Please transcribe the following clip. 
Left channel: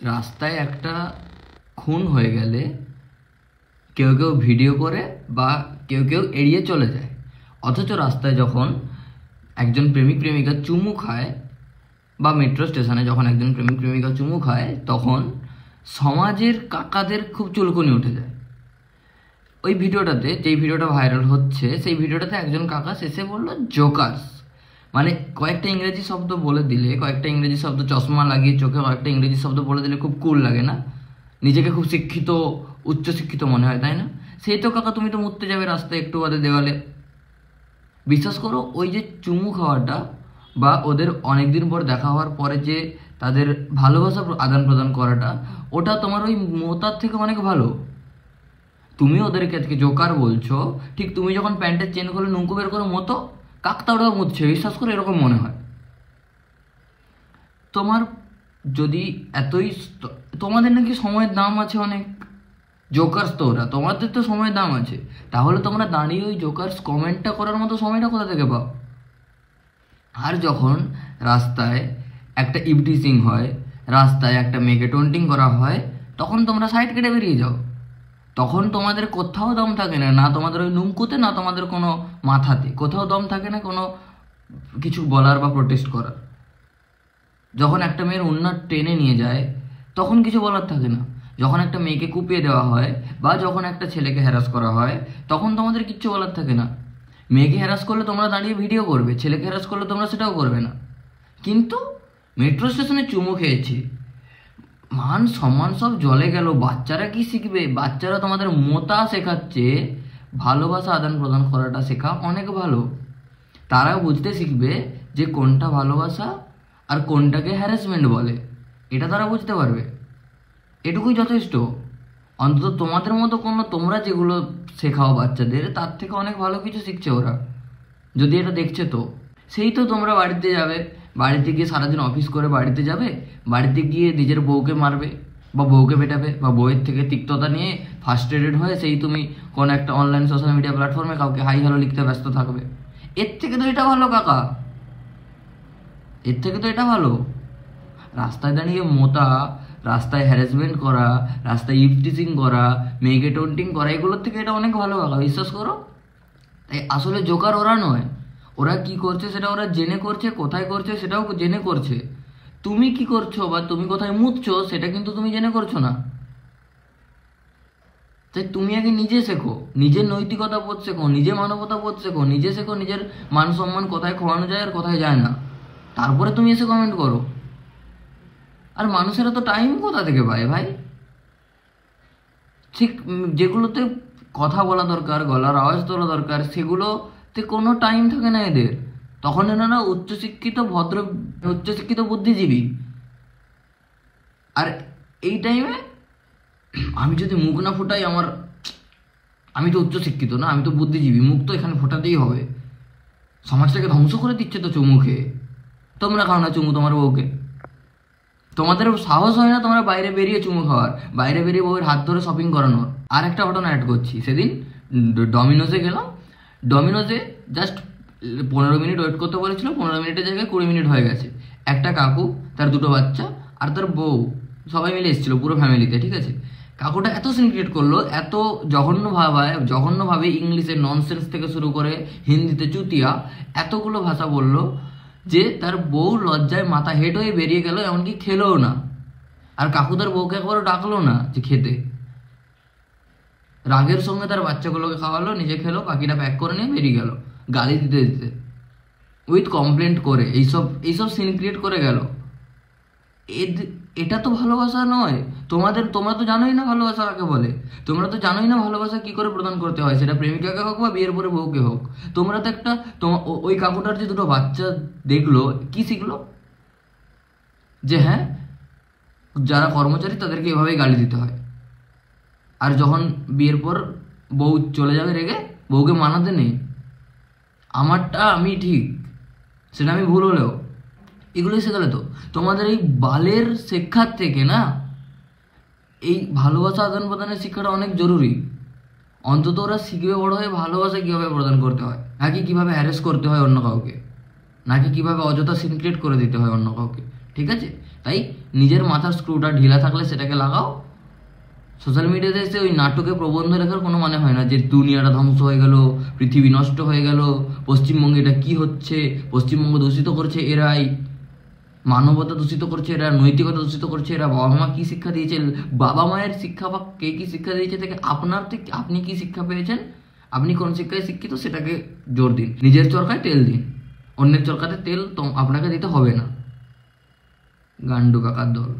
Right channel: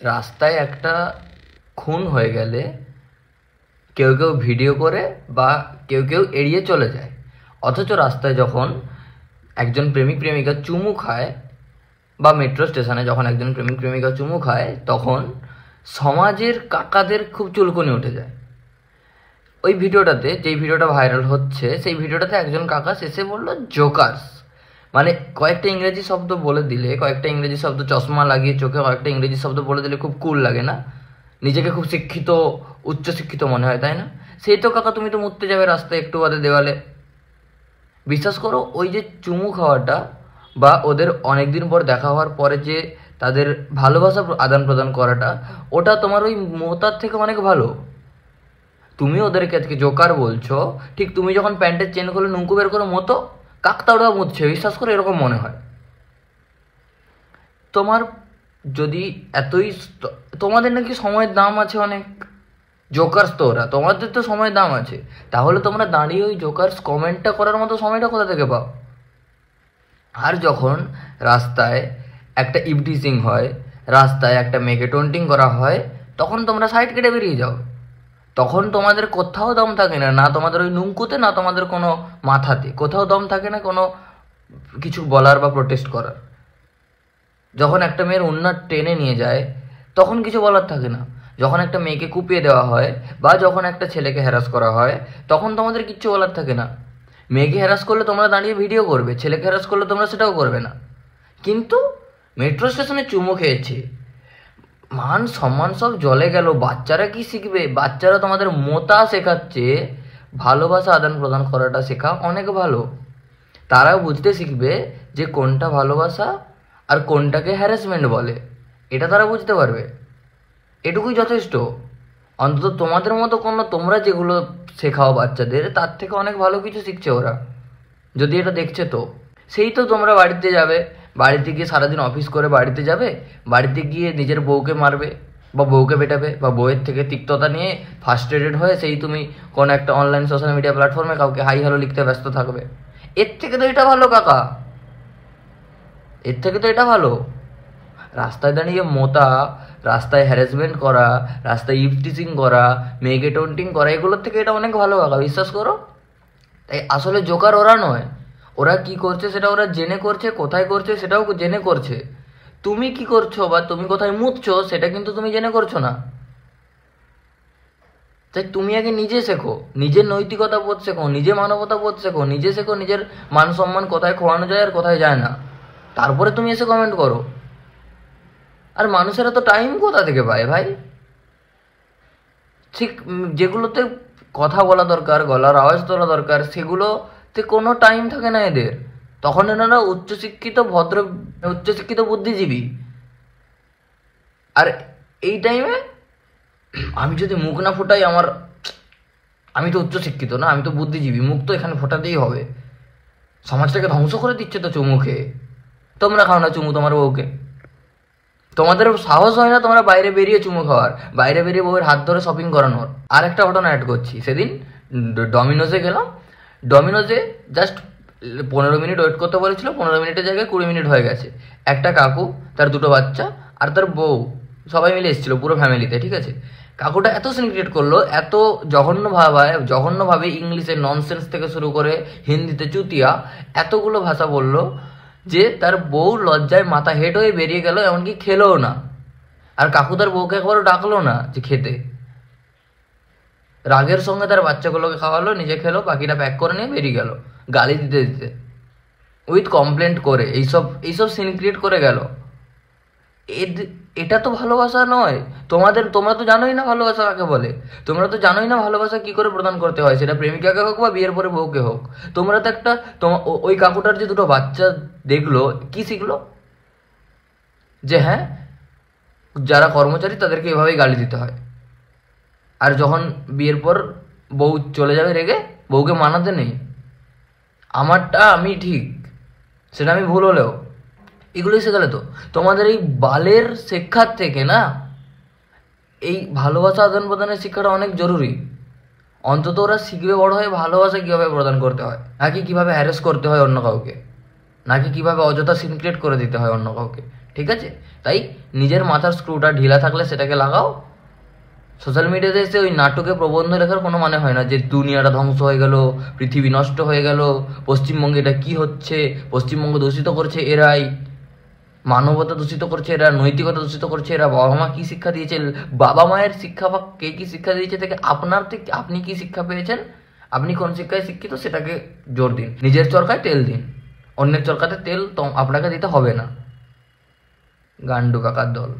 রাস্তায় একটা খুন হয়ে গেলে কেউ কেউ ভিডিও করে বা কেউ কেউ এড়িয়ে চলে যায়, অথচ রাস্তায় যখন একজন প্রেমিক প্রেমিকা চুমু খায় বা মেট্রো স্টেশনে যখন একজন প্রেমিক প্রেমিকা চুমু খায়, তখন সমাজের কাকাদের খুব চুলকুনি উঠে যায়। ওই ভিডিওটাতে, যেই ভিডিওটা ভাইরাল হচ্ছে, সেই ভিডিওটাতে একজন কাকা শেষে বললো জোকার্স, মানে কয়েকটা ইংরেজি শব্দ বলে দিলে, কয়েকটা ইংরেজি শব্দ, চশমা লাগিয়ে চোখে কয়েকটা ইংরেজি শব্দ বলে দিলে খুব কুল লাগে না? নিজেকে খুব শিক্ষিত, উচ্চশিক্ষিত মনে হয়, তাই না? সেই তো কাকা, তুমি তো মুততে যাবে রাস্তায় একটু বাদে দেওয়ালে। বিশ্বাস করো, ওই যে চুমু খাওয়াটা বা ওদের অনেকদিন পর দেখা হওয়ার পরে যে তাদের ভালোবাসা আদান প্রদান করাটা, ওটা তোমার ওই মোতার থেকে অনেক ভালো। তুমি ওদেরকে আজকে জোকার বলছো, ঠিক তুমি যখন প্যান্টের চেন খুলে নুঙ্কু বের করে মতো কাকতাড়ুয়া মুতছে, বিশ্বাস করে এরকম মনে হয়। তোমার যদি এতই, তোমাদের নাকি সময়ের দাম আছে অনেক, জোকার্স তো ওরা, তোমাদের তো সময়ের দাম আছে, তাহলে তোমরা দাঁড়িয়ে ওই জোকার্স কমেন্টটা করার মতো সময়টা কোথা থেকে পাও? আর যখন রাস্তায় একটা ইভটিজিং হয়, রাস্তায় একটা মেয়েকে টন্টিং করা হয়, তখন তোমরা সাইড কেটে বেরিয়ে যাও। তখন তোমাদের কোথাও দম থাকে না, না তোমাদের ওই নুঙ্কুতে, না তোমাদের কোনো মাথাতে, কোথাও দম থাকে না কোনো কিছু বলার বা প্রোটেস্ট করার। যখন একটা মেয়ের ওড়না টেনে নিয়ে যায়, তখন কিছু বলার থাকে না। যখন একটা মেয়েকে কুপিয়ে দেওয়া হয় বা যখন একটা ছেলেকে হ্যারাস করা হয়, তখন তোমাদের কিচ্ছু বলার থাকে না। মেয়েকে হ্যারাস করলে তোমরা দাঁড়িয়ে ভিডিও করবে, ছেলেকে হ্যারাস করলে তোমরা সেটাও করবে না। কিন্তু মেট্রো স্টেশনে চুমু খেয়েছে, মান সম্মান সব জলে গেল। বাচ্চারা কি শিখবে? বাচ্চারা তোমাদের মোতা শেখাচ্ছে, ভালোবাসা আদান প্রদান করাটা শেখা অনেক ভালো। তারাও বুঝতে শিখবে যে কোনটা ভালোবাসা আর কোনটাকে হ্যারাসমেন্ট বলে, এটা তারা বুঝতে পারবে। এটুকুই যথেষ্ট। অন্তত তোমাদের মতো কোনো, তোমরা যেগুলো শেখাও বাচ্চাদের, তার থেকে অনেক ভালো কিছু শিখছে ওরা, যদি এটা দেখছে তো। সেই তো তোমরা বাড়িতে যাবে, বাড়িতে গিয়ে সারাদিন অফিস করে বাড়িতে যাবে, বাড়িতে গিয়ে নিজের বউকে মারবে বা বউকে পেটাবে, বা বউয়ের থেকে তিক্ততা নিয়ে ফার্স্ট্রেটেড হয়ে সেই তুমি কোনো একটা অনলাইন সোশ্যাল মিডিয়া প্ল্যাটফর্মে কাউকে হাই হ্যালো লিখতে ব্যস্ত থাকবে। এর থেকে তো এটা ভালো কাকা, এর থেকে তো এটা ভালো। রাস্তায় দাঁড়িয়ে মোতা, রাস্তায় হ্যারাসমেন্ট করা, রাস্তায় ইভটিজিং করা, মেয়েকে টন্টিং করা, এগুলোর থেকে এটা অনেক ভালো কাকা, বিশ্বাস করো। তাই আসলে জোকার ওরা নয়, ওরা কি করছে সেটা ওরা জেনে করছে, কোথায় করছে সেটাও জেনে করছে। তুমি কি করছো বা তুমি কোথায় মুতছো সেটা কিন্তু তুমি জেনে করছো না। তাই তুমি আগে নিজে শেখো, নিজের নৈতিকতা বোধ শেখো, নিজে মানবতা বোধ শেখো, নিজে শেখো নিজের মান সম্মান কোথায় খোয়ানো যায় আর কোথায় যায় না, তারপরে তুমি এসে কমেন্ট করো। আর মানুষেরা তো টাইম কোথা থেকে পায় ভাই? ঠিক যেগুলোতে কথা বলা দরকার, গলার আওয়াজ তোলা দরকার, সেগুলোতে কোনো টাইম থাকে না এদের। তখন এনারা উচ্চশিক্ষিত, ভদ্র, উচ্চশিক্ষিত বুদ্ধিজীবী। আর এই টাইমে আমি যদি মুখ না ফোটাই, আমি তো উচ্চশিক্ষিত না, আমি তো বুদ্ধিজীবী, মুখ তো এখানে ফোটাতেই হবে। সমাজটাকে ধ্বংস করে দিচ্ছে তো চুমু খেয়ে। তোমরা খাও না চুমু তোমার বউকে? তোমাদের সাহস হয় না তোমরা বাইরে বেরিয়ে চুমু খাওয়ার, বাইরে বেরিয়ে বউয়ের হাত ধরে শপিং করানোর? আর একটা ঘটনা অ্যাড করছি, সেদিন ডমিনোজে গেলাম। ডমিনোজে জাস্ট 15 মিনিট ওয়েট করতে বলেছিল, 15 মিনিটের জায়গায় 20 মিনিট হয়ে গেছে। একটা কাকু, তার দুটো বাচ্চা আর তার বউ, সবাই মিলে এসেছিলো পুরো ফ্যামিলিতে, ঠিক আছে। কাকুটা এত সিন ক্রিয়েট করলো, এত জঘন্যভাবে ইংলিশে ননসেন্স থেকে শুরু করে হিন্দিতে চুতিয়া, এতগুলো ভাষা বললো যে তার বউ লজ্জায় মাথা হেঁট হয়ে বেরিয়ে গেল, এমনকি খেলোও না। আর কাকু তার বউকে একবারও ডাকলো না যে খেতে। রাগের সঙ্গে তার বাচ্চাগুলোকে খাওয়ালো, নিজে খেলো, বাকিটা প্যাক করে নিয়ে বেরিয়ে গেল গালি দিতে দিতে, উইথ কমপ্লেন্ট করে। এইসব সিন ক্রিয়েট করে গেল। এটা তো ভালোবাসা নয়। তোমরা তো জানোই না ভালোবাসা কাকে বলে, তোমরা তো জানোই না ভালোবাসা কি করে প্রদান করতে হয়, সেটা প্রেমিকাকে হোক বা বিয়ের পরে বউকে হোক। তোমরা তো একটা, ওই কাকুটার যে দুটো বাচ্চা দেখলো, কি শিখলো? যে হ্যাঁ, যারা কর্মচারী তাদেরকে এভাবেই গালি দিতে হয়। আর যখন বিয়ের পর বউ চলে যাবে রেগে, বউকে মানাতে নেই, আমারটা আমি ঠিক, সেটা আমি ভুল হলেও। এগুলোই শেখালে তো। তোমাদের এই বালের শিক্ষার থেকে না, এই ভালোবাসা আদান প্রদানের শিক্ষাটা অনেক জরুরি। অন্তত ওরা শিখবে বড় হয়ে ভালোবাসা কীভাবে প্রদান করতে হয়, নাকি কীভাবে হ্যারেস করতে হয় অন্য কাউকে, নাকি কীভাবে অযথা সিন ক্রিয়েট করে দিতে হয় অন্য কাউকে। ঠিক আছে? তাই নিজের মাথার স্ক্রুটা ঢিলা থাকলে সেটাকে লাগাও। সোশ্যাল মিডিয়াতে এসে ওই নাটকে প্রবন্ধ লেখার কোনো মানে হয় না যে দুনিয়াটা ধ্বংস হয়ে গেল, পৃথিবী নষ্ট হয়ে গেল, পশ্চিমবঙ্গে এটা কি হচ্ছে, পশ্চিমবঙ্গ দূষিত করছে এরাই, মানবতা দূষিত করছে এরা, নৈতিকতা দূষিত করছে এরা, বাবা মা কি শিক্ষা দিয়েছে, বাবা মায়ের শিক্ষা বা কে কি শিক্ষা দিয়েছে থেকে আপনার থেকে আপনি কি শিক্ষা পেয়েছেন, আপনি কোন শিক্ষায় শিক্ষিত সেটাকে জোর দিন। নিজের চরকায় তেল দিন, অন্যের চরকাতে তেল তো আপনাকে দিতে হবে না। গান্ডু কাকার দল।